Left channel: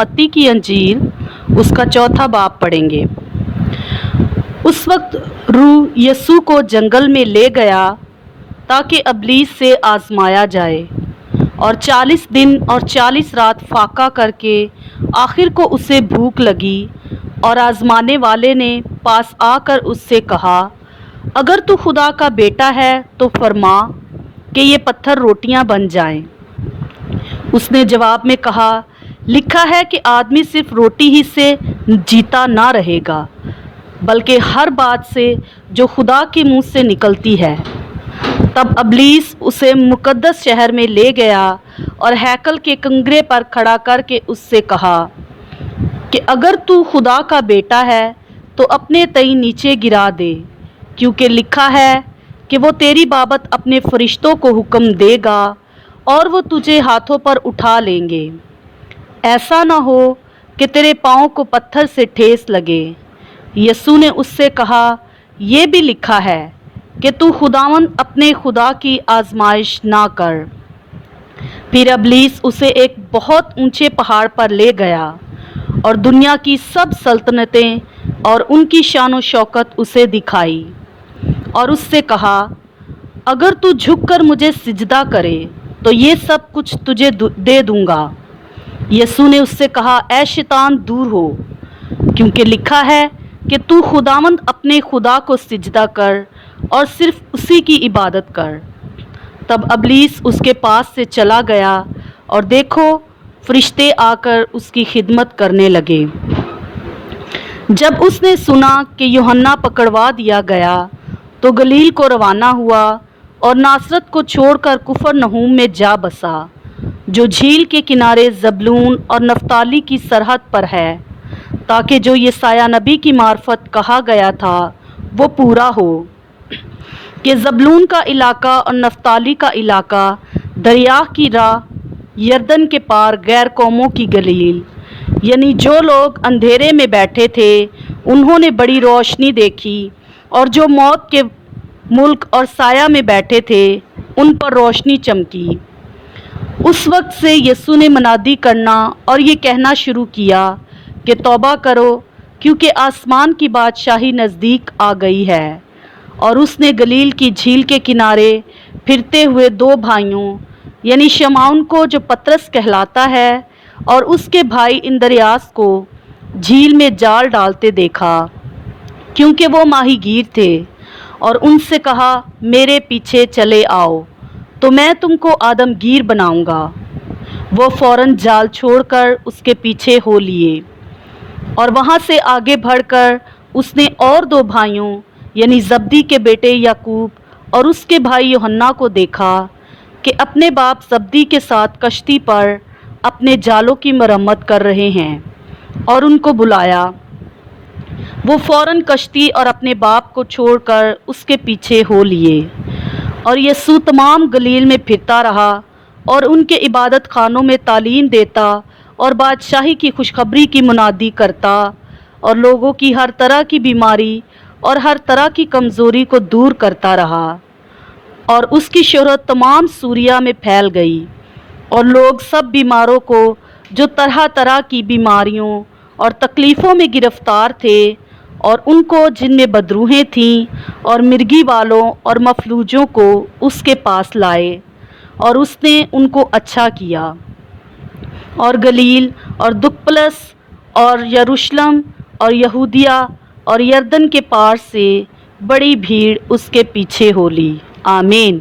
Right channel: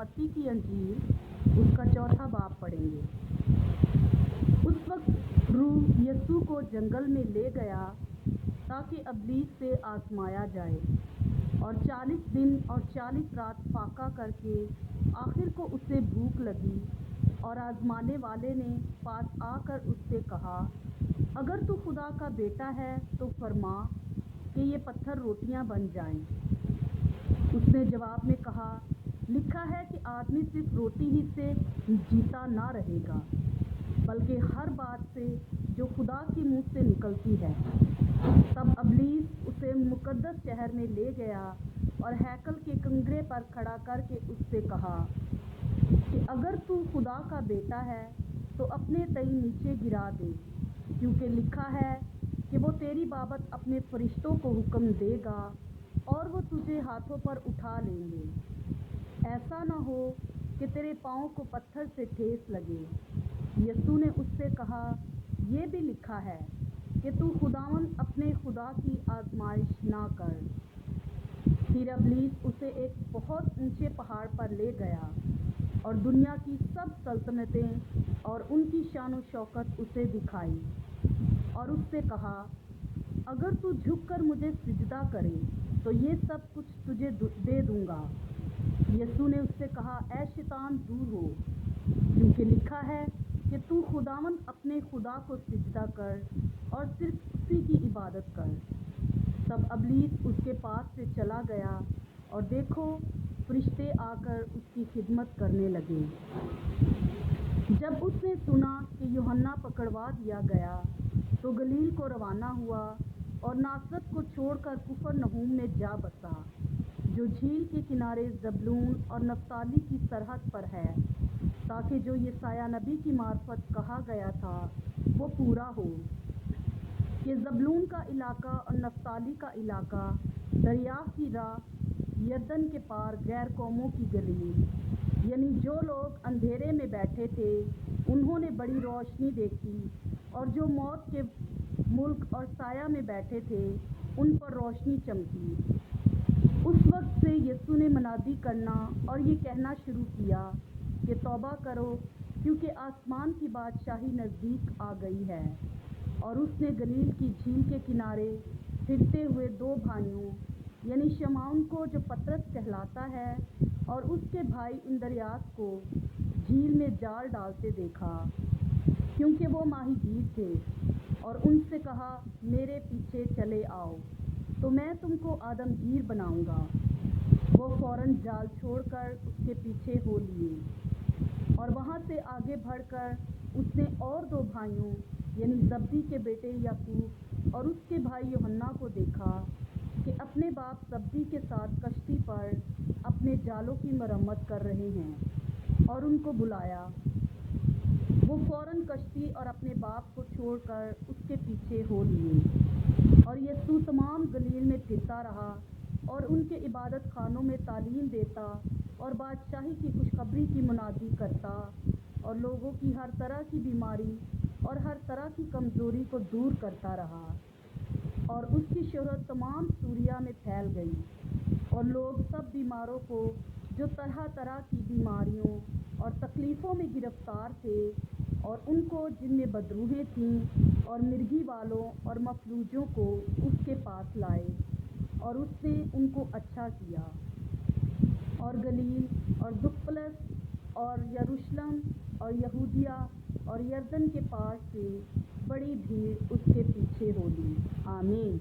मत्ती की अंजील उसका 4 बाब पढ़ेंगे। उस वक्त रूह यीशु को जंगल में ले गया ताकि इब्लीस से आजमाया जाए, और 40 दिन और 40 रात फाका करके आखिर को उसे भूख लगी, और आजमाने वाले ने पास आकर उससे कहा, अगर तू खुदा का बेटा है तो फरमा कि ये पत्थर रोटियां बन जाएं। उसने जवाब में कहा, लिखा है कि आदमी सिर्फ रोटी ही से जीता ना रहेगा, बल्कि हर बात से जो खुदा के मुंह से निकलती है। तब इब्लीस उसे मुकद्दस शहर में ले गया और हैकल के कंगरे पर खड़ा करके उससे कहा कि अगर तू खुदा का बेटा है तो अपने तई नीचे गिरा दे, क्योंकि लिखा है कि वो तेरी बाबत अपने फरिश्तों को हुक्म देगा और वो तुझे हाथों पर उठा लेंगे, ऐसा ना हो कि तेरे पाँव को पत्थर से ठेस लगे। यीशु ने उससे कहा, ये भी लिखा है कि तू खुदावंद अपने खुदा की आजमाइश ना कर। फिर इब्लीस उसे एक बहुत ऊंचे पहाड़ पर ले गया और दुनिया की सब सल्तनतें और उनकी शान शौकत उसे दिखाई, और उससे कहा, अगर तू झुककर मुझे सिजदा करे तो ये सब कुछ तुझे दे दूंगा। यीशु ने उससे कहा, ऐ शैतान दूर हो, क्योंकि लिखा है कि तू खुदावंद अपने खुदा को सिजदा कर और सिर्फ उसी की इबादत कर। तब इब्लीस उसके पास से चला गया, और देखो फरिश्ते आकर उसकी खिदमत करने लगे। जब उसने सुना कि यूहन्ना पकड़वा दिया गया तो गलील को रवाना हुआ और नासरत को छोड़कर कुफरनहूम में जा बसा, जो झील के किनारे जबलून और नफ्ताली की सरहद पर है, ताकि जो यशायाह नबी की मार्फत कहा गया था वो पूरा हो कि जबलून का इलाका और नफ्ताली का इलाका दरिया की राह यरदन के पार गैर कौमों की गलील, यानी जो लोग अंधेरे में बैठे थे उन्होंने बड़ी रोशनी देखी, और जो मौत के मुल्क और साया में बैठे थे उन पर रोशनी चमकी। उस वक्त से यीशु ने मनादी करना और ये कहना शुरू किया कि तौबा करो, क्योंकि आसमान की बादशाही नज़दीक आ गई है। और उसने गलील की झील के किनारे फिरते हुए 2 भाइयों यानी शमौन को, जो पतरस कहलाता है, और उसके भाई इंद्रियास को झील में जाल डालते देखा, क्योंकि वो माहीगीर थे, और उनसे कहा, मेरे पीछे चले आओ तो मैं तुमको आदमगीर बनाऊंगा। वो फौरन जाल छोड़कर उसके पीछे हो लिए, और वहाँ से आगे बढ़कर उसने और 2 भाइयों यानी जब्दी के बेटे याकूब और उसके भाई यूहन्ना को देखा कि अपने बाप जब्दी के साथ कश्ती पर अपने जालों की मरम्मत कर रहे हैं, और उनको बुलाया। वो फौरन कश्ती और अपने बाप को छोड़कर उसके पीछे हो लिए, और यीशु तमाम गलील में फिरता रहा और उनके इबादत खानों में तालीम देता और बादशाही की खुशखबरी की मुनादी करता, और लोगों की हर तरह की बीमारी और हर तरह की कमज़ोरी को दूर करता रहा। और उसकी शोहरत तमाम सूरिया में फैल गई, और लोग सब बीमारों को, जो तरह तरह की बीमारियों और तकलीफ़ों में गिरफ़्तार थे, और उनको जिनमें बदरूहें थीं और मिर्गी वालों और मफलूजों को उसके पास लाए, और उसने उनको अच्छा किया। और गलील और दुकपलस और यरूशलेम और यहूदिया और यरदन के पार से बड़ी भीड़ उसके पीछे हो ली। आमीन।